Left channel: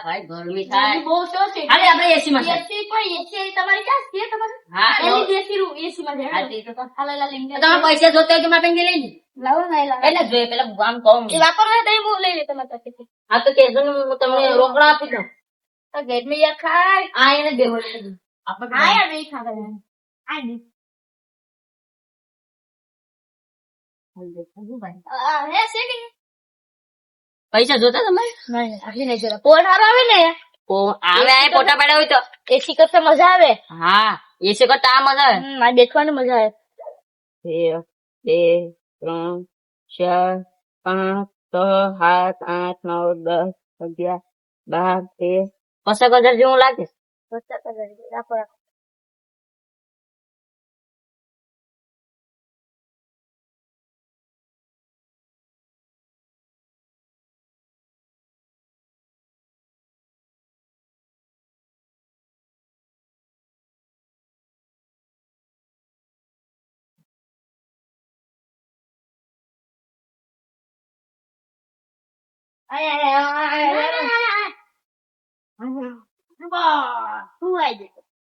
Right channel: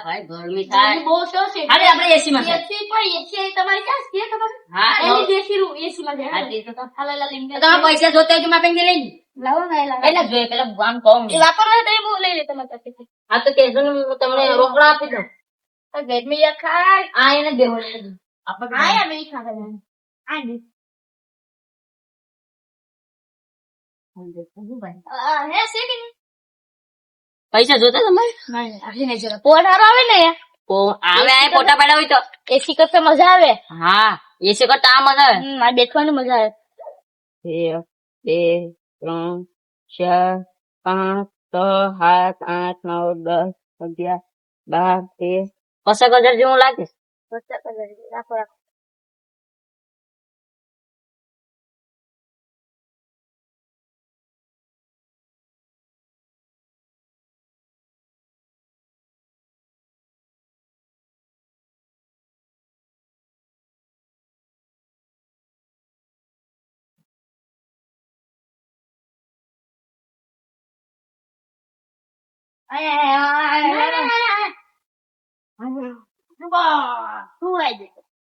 ભાઈ ગરમી થાય બહુ તો છે હાલે આપણે એસી માં એસી પણ એસી તમારી ક્યાં છે તમારે હા એની દેશી રૂ એસી માં હા, જાય તે તો હાલે લા લીંબે તમારા પૈસા જોતા હોય તો માપે લઈ લે લાવો ના લાવો એટલે જોઈએ પેલા આમ કહું એ વાપરવા તો હું લઈ લે તમારી પાસેથી હા તો કેજો ને હું તમને રોકડા આપી દઉં તો ગરમી યા ખાય આ એને દેવો આપણે આયા નહીં ખાવા આય નહીં હે સેટિંગ પૈસા જોતા તમારે નહીં આટલી નહીં જરા પોર હારો આવે ને ઓ આવે આ ફોટા પાડ્યા હોય તો એસી કરતા મજા આવે હા એસી કરતા આ મજા આવે આ દેખવાની મજા આવે 1 2 3 4 5 6 7 8 9 10 11 12 13 50,000 જેવું લાગે રાખો રાખો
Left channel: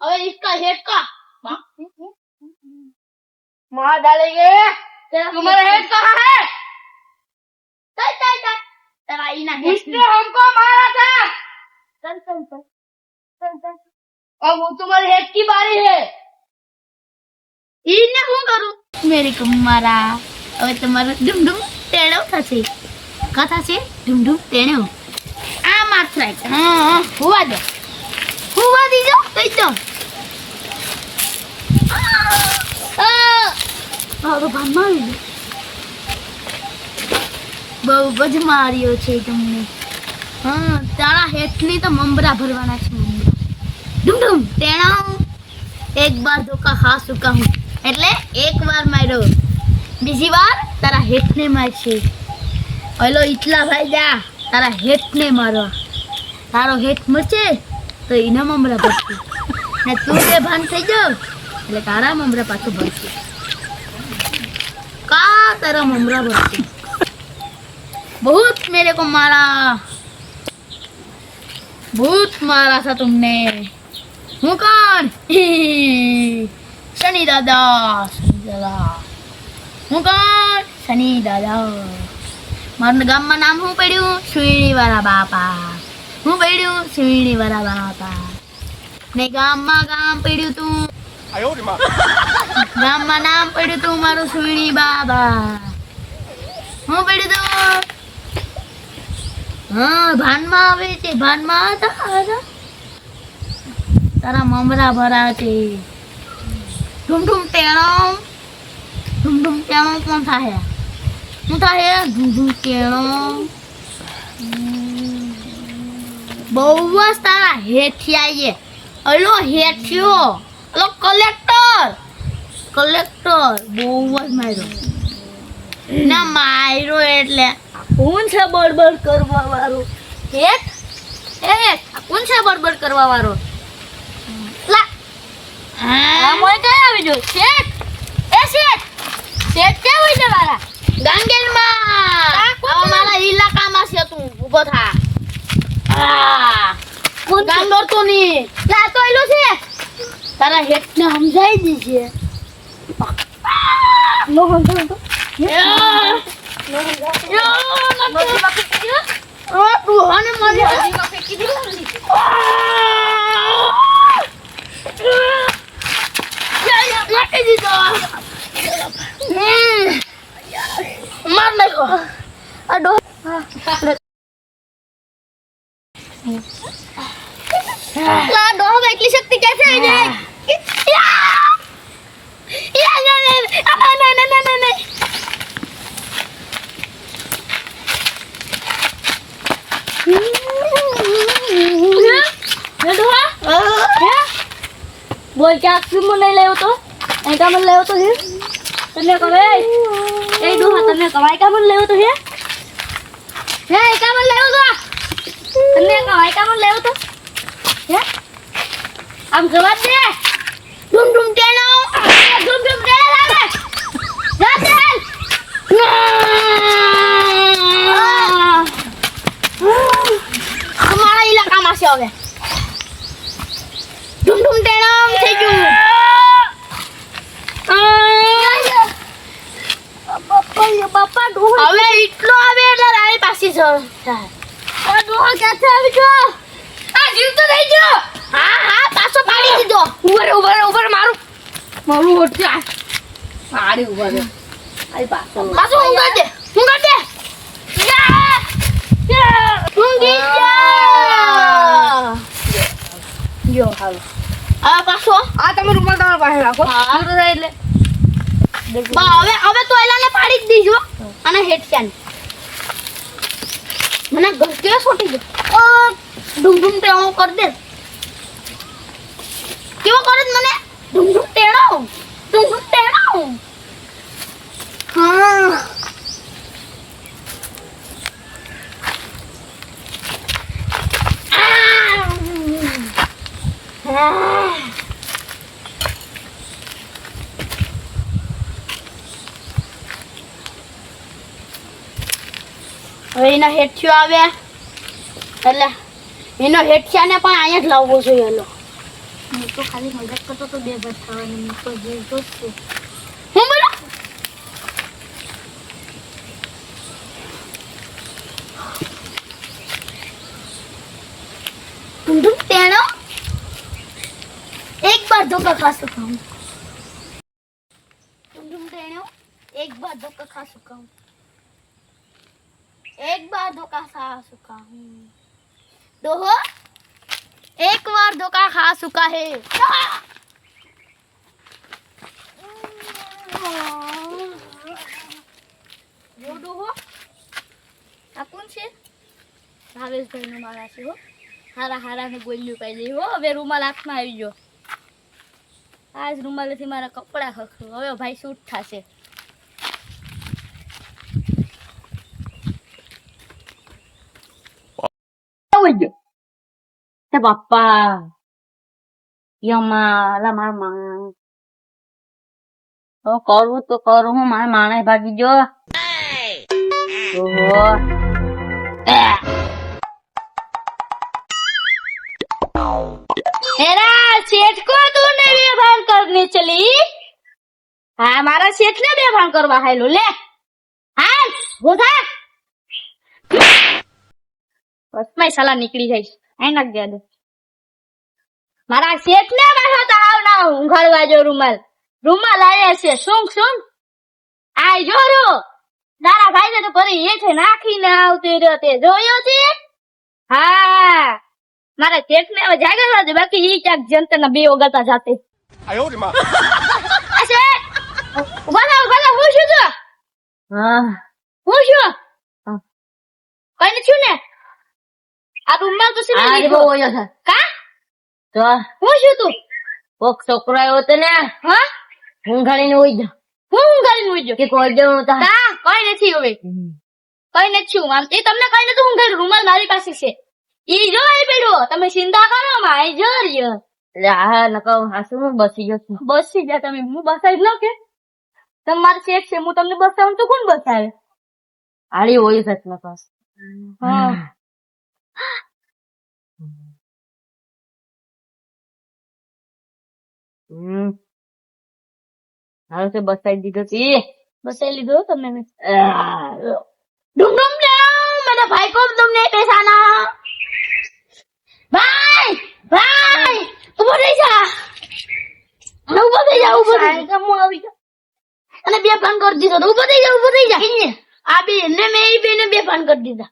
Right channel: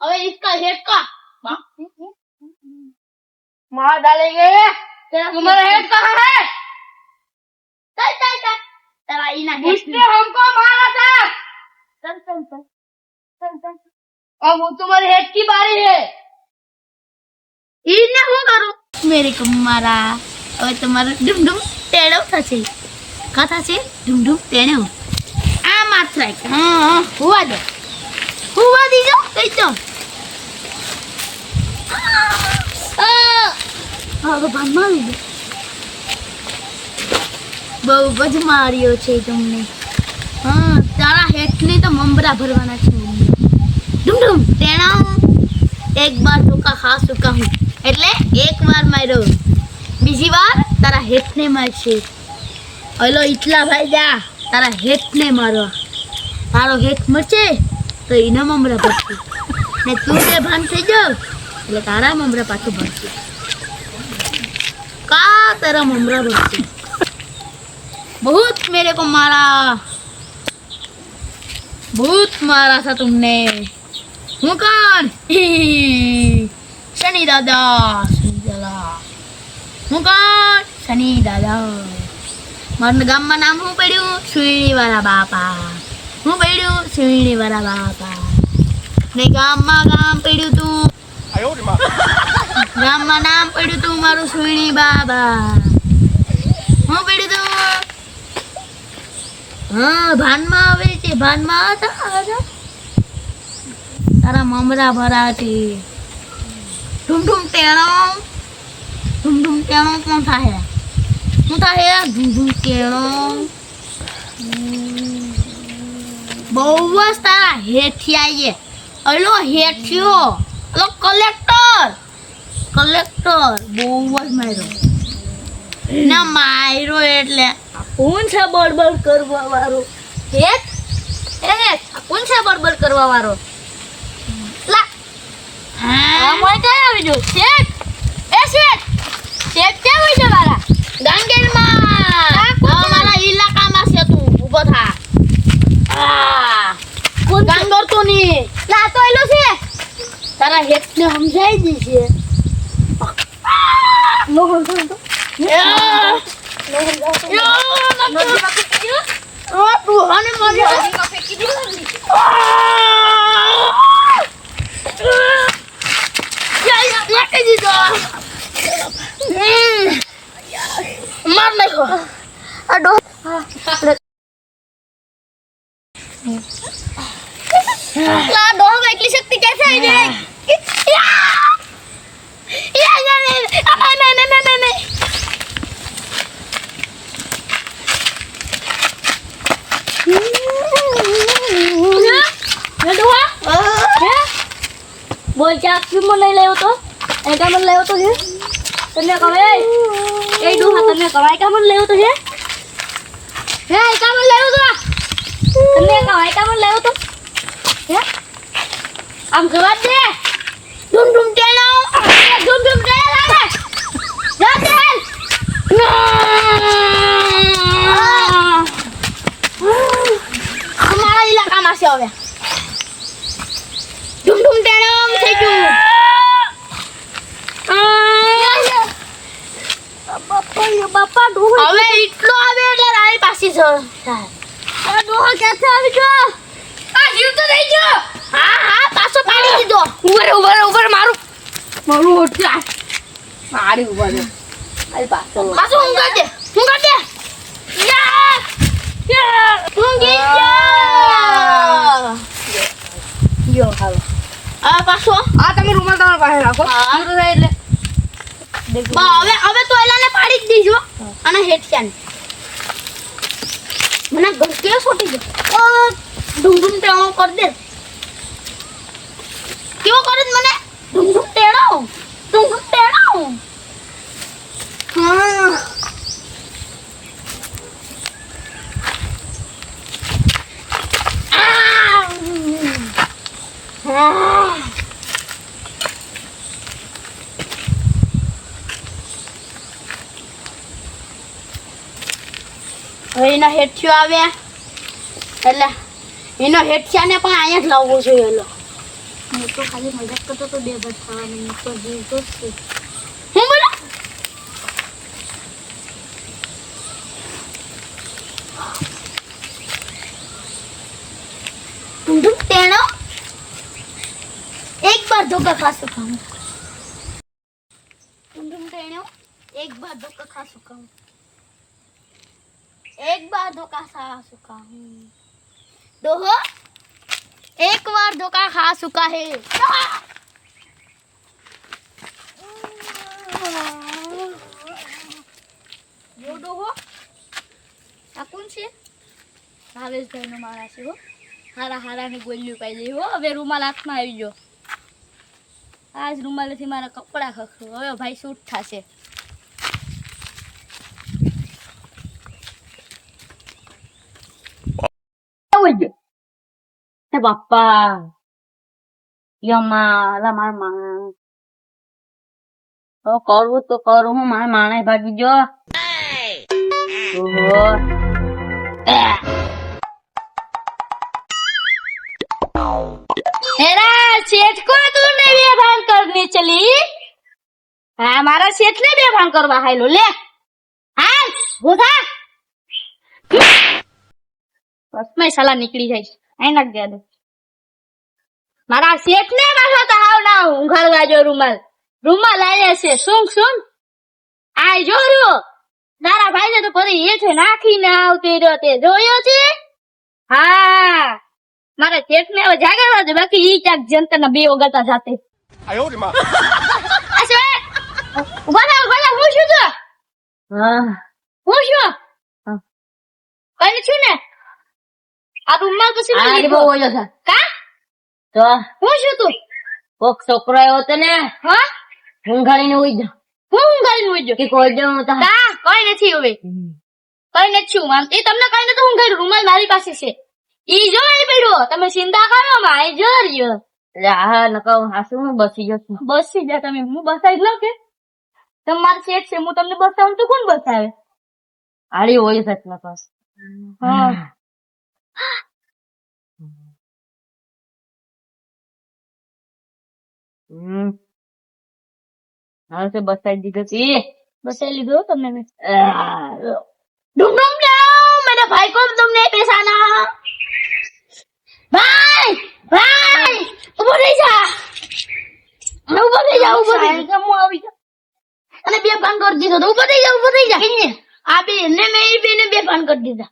હવે इसका हेड का मार डालेंगे तुम्हारा हेड कहाँ है चल चल चल तेरा इना हेड इसने हमको मारा था चल चल चल चल चल अब वो तुम्हारे हेड की बारी है इने હું કરું મેરે કો મારા હવે તમારું ડુમડુમ ટેડો થશે કા થશે ડુમડુમ ટેડો આ માર ફ્રાય હા હુવા દીજો કઈ દો હવે ભાનમાં આવી બહુ જ માર્યો છે તમને હા તારા હેઠની તો મમરા ભરવાના છે ડુમડુમ ટેણા એક બાર ધોકા ખા ચુકા હું એટલે એક વાર માર્યો બીજી વાર તારા હેઠને મારશે ઓલો ઇટલા ભાઈ જા તારા હેઠને મારવા તારો હેઠ મરશે તો એના મમરા ભરશે ને તું જે ભાન થઈ જાવ એટલે તારા મમરા પાછું ભરશે का तेरा ममरा भरते बहुत मेरे को बहुत मारा था तुमने હું કોણ શનિ દાદા હું કોણ શનિ દાદા મારું ગામમાં નામ શું પડ્યું સુઈણી વાળા બાપા હું પડ્યું સુઈણી વાળા બાપા ને ગામમાં ગામ પડ્યું તું ગામમાં નામ પડ્યું તું મારું સુઈણી બાબા હું પડ્યું તું હા ભાનમાં આવે છે ભાનમાં હતા તારા મમરા ભરા છે ઢૂમઢૂમ ટેણો કોણ થાય શું થાય ઢૂમઢૂમ ટેણો બહુ જ તારા હેઠિયા અલો હેઠિયો અલો કલેક્ટર બહુ જ માર્યો ના માર્યો એટલે કોણ છે બળબડ કરવા વાળો હેઠ કોણ છે બળબડ કરવા વાળો મોય કઈ આવી જો શેઠ ક્યાં હોય છે મારા ગાંગેરમાં મારા ઇલાકામાં છે તું ઊભો થા ગાંગર તો ની લા તો એલો છે તારા હેઠને સમજાઈ દીશે નો સમજાવ તો તું હાને मार नहीं अडो ला डो इतनी शक्ति कैसे आई है नहीं बोल क्या क्यों मन नहीं ले तो ऐसा मन ले तो है तने कवे ए दो तने कवाई का मन ले तो है का मन ले तो तने कवाई का मन ले तो है हम गवा दे डुम डुम टेनो लागे जा चल हमारा આવશે હવે. ધૂમ ધૂમ ટેણમ થઈ ગયું. બાપા ડોહો હવે એટલો આવે એટલે રાણી પાછી જ ડોહો ક્યાંથી આવી ગયો? આ જીવ તો થઈ ગયો. હા હા પાછો પાડી દીધો. ઉપર મારું હોઠ્યા મારી ઉપર આઈ પાછો પાછો ઊંઘા દે. ઊંઘી જા. ગયો હાલો આ પાછો આ તમે રૂમાલ તમારા પાસે રાખો હા. પૂરું થાય એટલે હવે તો એલાને પાડી જ દીજો અને હેઠિયાને મને ગસ્યો છોટી ગયો. ધૂમ ધૂમ ટેણો કર દે. કેવો કરે છે મને? ધૂમ ધૂમ ટેણો. હા હવે એના હેઠિયો આવે એટલે એનો હેઠિયાને પણ અહીંયા જ લાવવો જોઈએ. એલો હું તો ખાલી મજાક કરતો તો બે ભાત ખાવાની તો જોઈતો જ છે. હું બોલો तुम टेनो एक बार धोखा खा चुका हूँ. तुम टेनो एक बार धोखा खा चुका हूँ. एक बार धोखा खा चुका हूँ. दोहो एक बार धोखा खा चुका है. वो दोहो આ કોણ છે? ભાવેશભાઈનો મારા છે હો. હારા ને ગોલ્યું પાઈ દઈ હો. હવે રૂમાલ હાથમાં આવી ગયો. આજ રૂમાલેથી મારા કપડાં ખખડું. હવે ભાઈ શૂટ થશે. બાપા યમા મારા કરવું તો કરું હું મારા માણે ભાગી જો हेरा सेठ को तूने बेभान करने चली? हाँ मारा सेठ ने बेभान करवा है लो ले हाँ वो था बस मैं साला निकली जाइस आई नाख दे दे मारा सेठ ने माथा ताव ना ઊંઘાડવા જો રૂમાલ આયા છે સુંગ આય જોરો તારા ભાઈ ને તો પરી હેઠે નાખીને આવતી રહ્યો તે જોયો છે? હા મારા શેઠ ને હવે જાગરવા દે બાકી ઈ ક્યાંક જંતર ના બે ઓગાતા જાતે આયો રે માં અસે ઉભા હું છું તો હા હું છું કઈ નથી ને આ રૂમમાં તો શું આ બહુ ઓયો છે કા તો હું છું તું કોક છોકરો આવ્યો તો ને હા ઊંઘાડીને ઉઈ જા હું ઊંઘાડીને ઉઈ જા કે કોઈ જણો તા કા કોઈ નથી હવે કઈ નથી હું આમ એ તમને કઈ નતું ઊંઘાડ્યું રૂમાલ મારી પાસે છે ઈ જો એ બેડો તમે ચિંતા કરો માં આઈ જો રહ્યો હા નકો હાસુ હું બસી જા તમે હું બસાઈ લો કે તમાર શેઠ છે હું તમને બસાવું તો કોણ બસાવે આડી હોય સચ ન પાસ હા હાલ से બસાઈ દીધો તી બસાઈ લીધો તમને મેં डुम मेरे भाई को तुमने पैसा ना भाई ऊपर नहीं जा આવી જા અને બે ભાન કરી દીધો તો ऊपर नहीं जा આ બે ને મેં બે ને બે ભાન કરી દીધા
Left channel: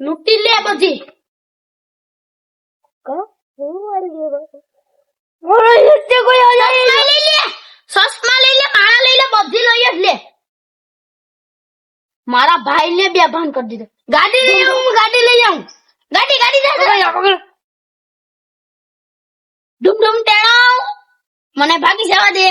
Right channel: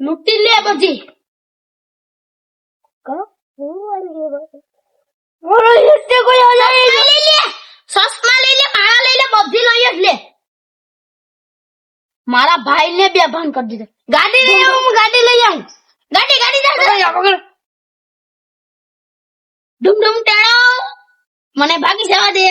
લૂટી લે બધી કો હું વાળી ઓય એટલે કોઈ આ જાય લઈ લે સસમા લઈ લે મારા લઈ લે બધી લઈ જ લે મારા ભાઈ ને બે ભાન કરી દીધો ગાડી લઈ આવું ગાડી જા ડુમ ટેણો મને ભાગી જવા દે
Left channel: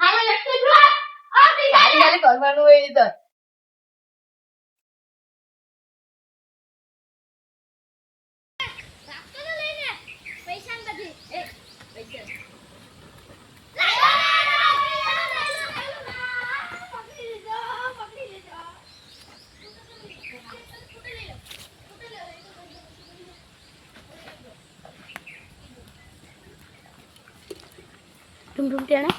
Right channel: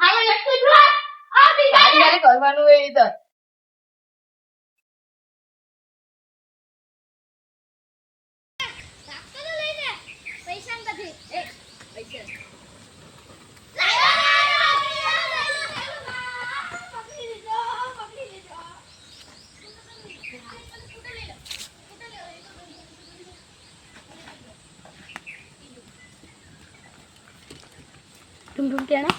હાલો એકથી પ્લસ આવતી ગાડી કરવાનું એ તો ઢૂમ ઢૂમ ટેણા